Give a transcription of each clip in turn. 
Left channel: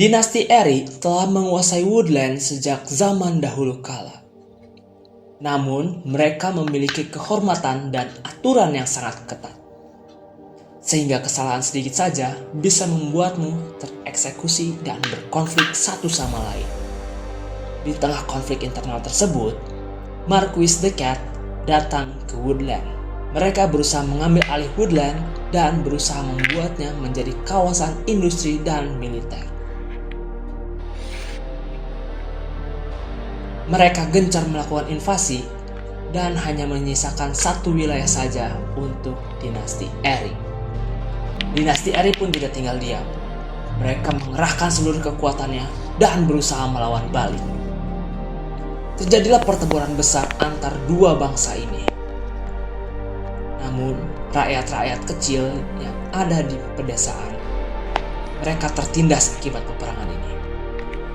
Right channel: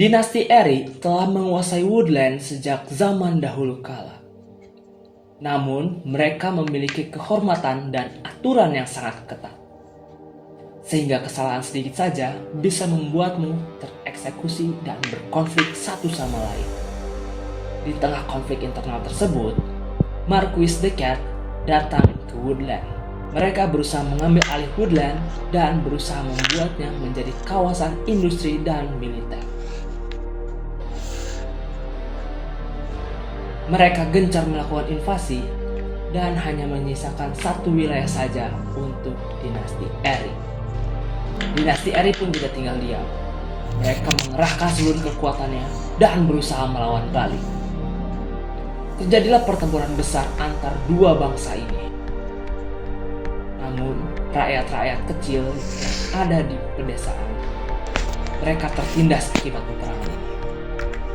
Dinasti Eri telah menguasai Woodland sejak zaman dahulu kala. Namun, mereka memiliki kehormatan dan aturan yang sangat ketat. Sehingga kesalahan sedikit saja bisa membuatmu tereksekusi dan berkonflik satu sama lain. Di tengah konflik internal tersebut, Marquis the Cat datang ke Woodland. Mereka berusaha mengambil alih Woodland dan berusaha membuatnya menjadi kawasan industri dan militer. Mereka gencar melakukan invasi dan hanya menyisakan satu wilayah saja untuk dinasti Eri. Dinasti Eri pun tidak tinggal diam. Mereka mengerahkan seluruh kekuatannya dan berusaha melawan balik. Terjadilah pertempuran besar antar dua bangsa ini. Namun, rakyat-rakyat kecil yang ada di pedesaan, mereka tertindas akibat peperangan ini.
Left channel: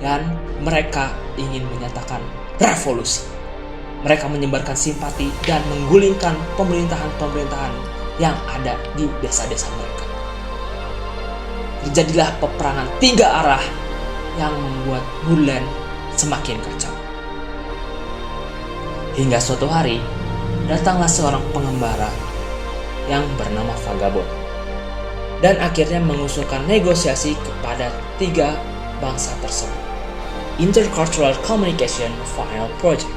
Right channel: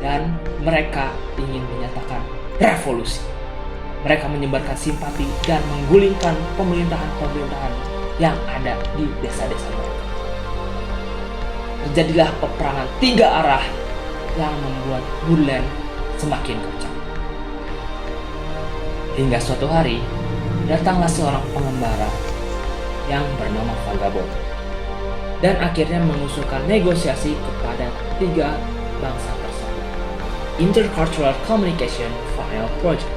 Dan mereka ingin menyatakan revolusi. Mereka menyebarkan simpati dan menggulingkan pemerintahan-pemerintahan yang ada di desa-desa mereka. Terjadilah peperangan 3 arah yang membuat Woodland semakin kacau. Hingga suatu hari, datanglah seorang pengembara yang bernama Vagabond dan akhirnya mengusulkan negosiasi kepada 3 bangsa tersebut. Intercultural Communication Final Project.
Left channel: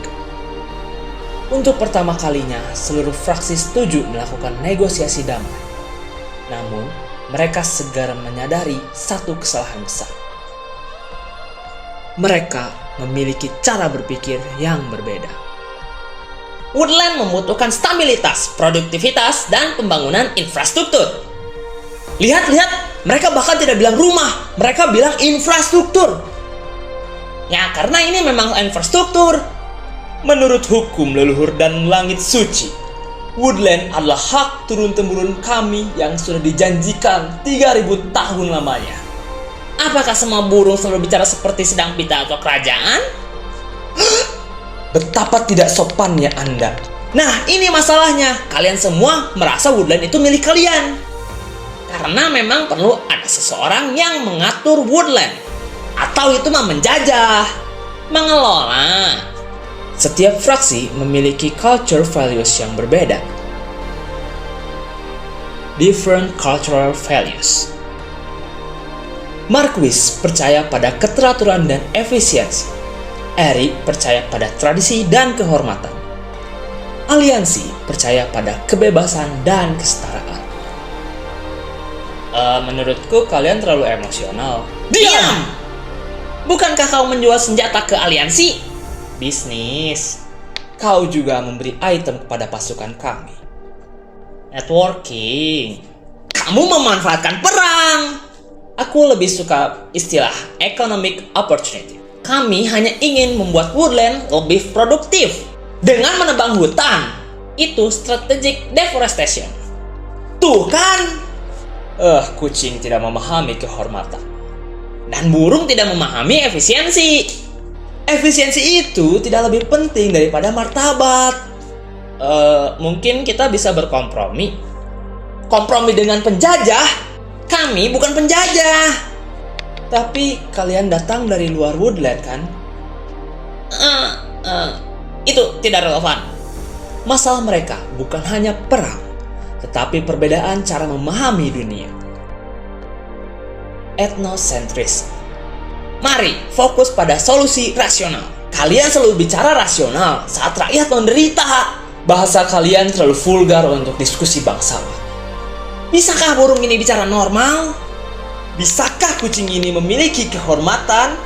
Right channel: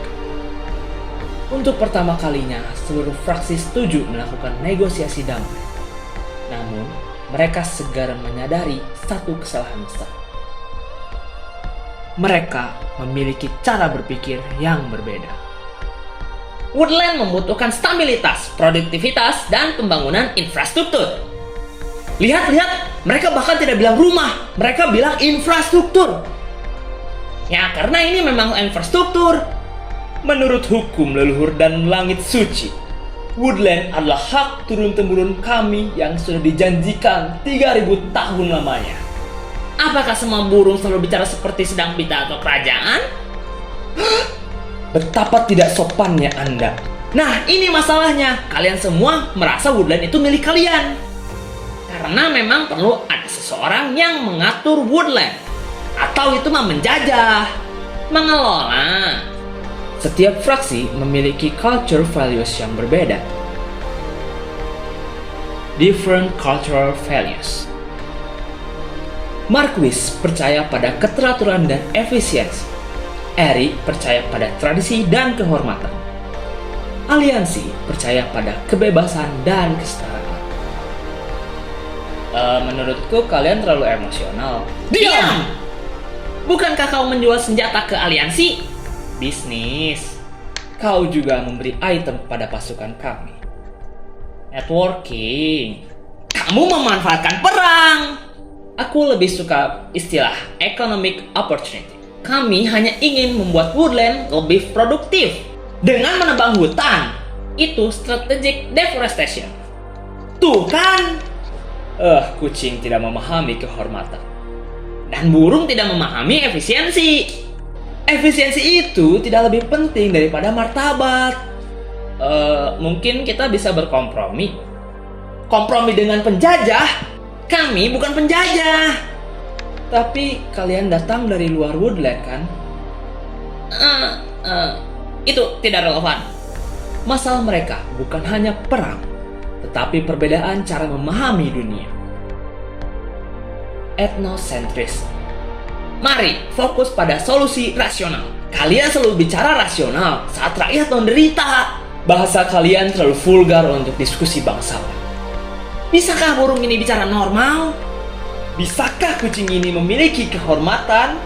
Untuk pertama kalinya, seluruh fraksi setuju melakukan negosiasi damai. Namun, mereka segera menyadari satu kesalahan besar. Mereka memiliki cara berpikir yang berbeda. Woodland membutuhkan stabilitas, produktivitas, dan pembangunan infrastruktur. Lihat, mereka bahkan tidak bilang rumah, mereka bilang infrastruktur. Ya, karena ini memang infrastruktur. Menurut hukum leluhur dan langit suci, Woodland adalah hak turun-temurun kami yang sudah dijanjikan 3000 tahun lamanya. Apakah semua burung selalu bicara seperti sedang pita atau kerajaan? Betapa tidak sopannya Anda. Nah, ini masalahnya. Kalian semua merasa Woodland itu milik kalian. Karena memang perlu ada seseorang yang mengatur Woodland. Atau itu mah menjajah, mengelola. Setiap fraksi memiliki culture values yang berbeda. Different cultural values. Marquis percaya pada keteraturan dan efisiensi. Eri percaya pada tradisi dan kehormatan. Aliansi percaya pada kebebasan dan kesetaraan. Menurutku kalian terlalu emosional. Diam! Bukankah kau menjual senjata ke aliansi? Bisnis. Kau juga memberi item kepada pasukan kami. Networking. Kamu memanfaatkan perang. Aku lebih suka istilah economic opportunity. Kami hanya ingin membuat Woodland lebih produktif dengan menebang hutan. Itu strategic deforestation. Tuh kan? Kucing tidak memahami kehormatan. Dan burung tidak memahami efisiensi. Efisiensi itu tidak lebih penting daripada martabat. Mungkin kita bisa berkompromi. Kompromi dengan penjajah? Kami bukan penjajah. Tapi kalian datang dari luar Woodland kan? Itu tidak relevan. Masalah mereka bukan hanya perang, tetapi perbedaan cara memahami dunia. Ethnocentrism. Mari fokus pada solusi rasional. Kalian selalu bicara rasional saat rakyat menderita. Bahasa kalian terlalu vulgar untuk diskusi bangsawan. Bisakah burung ini bicara normal? Bisakah kucing ini memiliki kehormatan?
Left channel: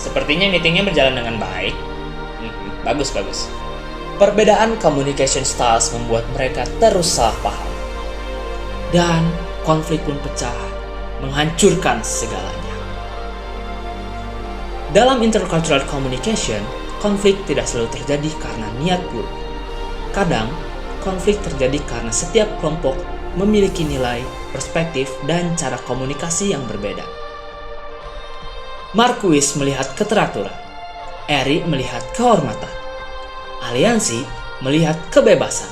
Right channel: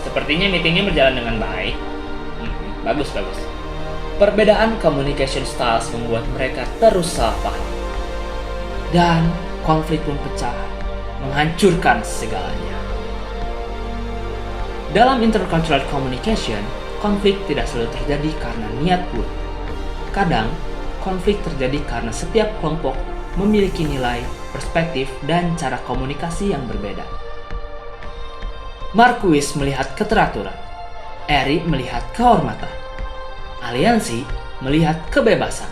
Sepertinya meetingnya berjalan dengan baik. Bagus. Perbedaan communication styles membuat mereka terus salah paham. Dan konflik pun pecah, menghancurkan segalanya. Dalam intercultural communication, konflik tidak selalu terjadi karena niat buruk. Kadang, konflik terjadi karena setiap kelompok memiliki nilai, perspektif, dan cara komunikasi yang berbeda. Marquis melihat keteraturan, Eri melihat kehormatan, Aliansi melihat kebebasan,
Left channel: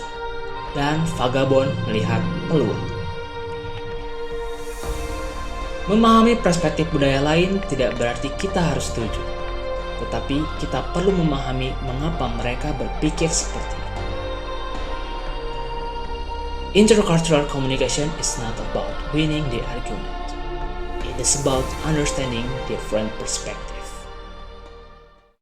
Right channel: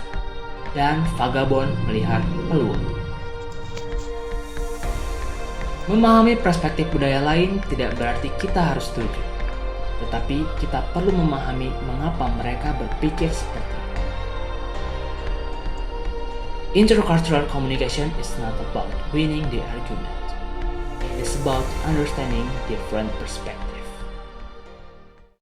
dan Vagabond melihat peluang. Memahami perspektif budaya lain tidak berarti kita harus setuju, tetapi kita perlu memahami mengapa mereka berpikir seperti itu. Intercultural communication is not about winning the argument. It is about understanding different perspectives.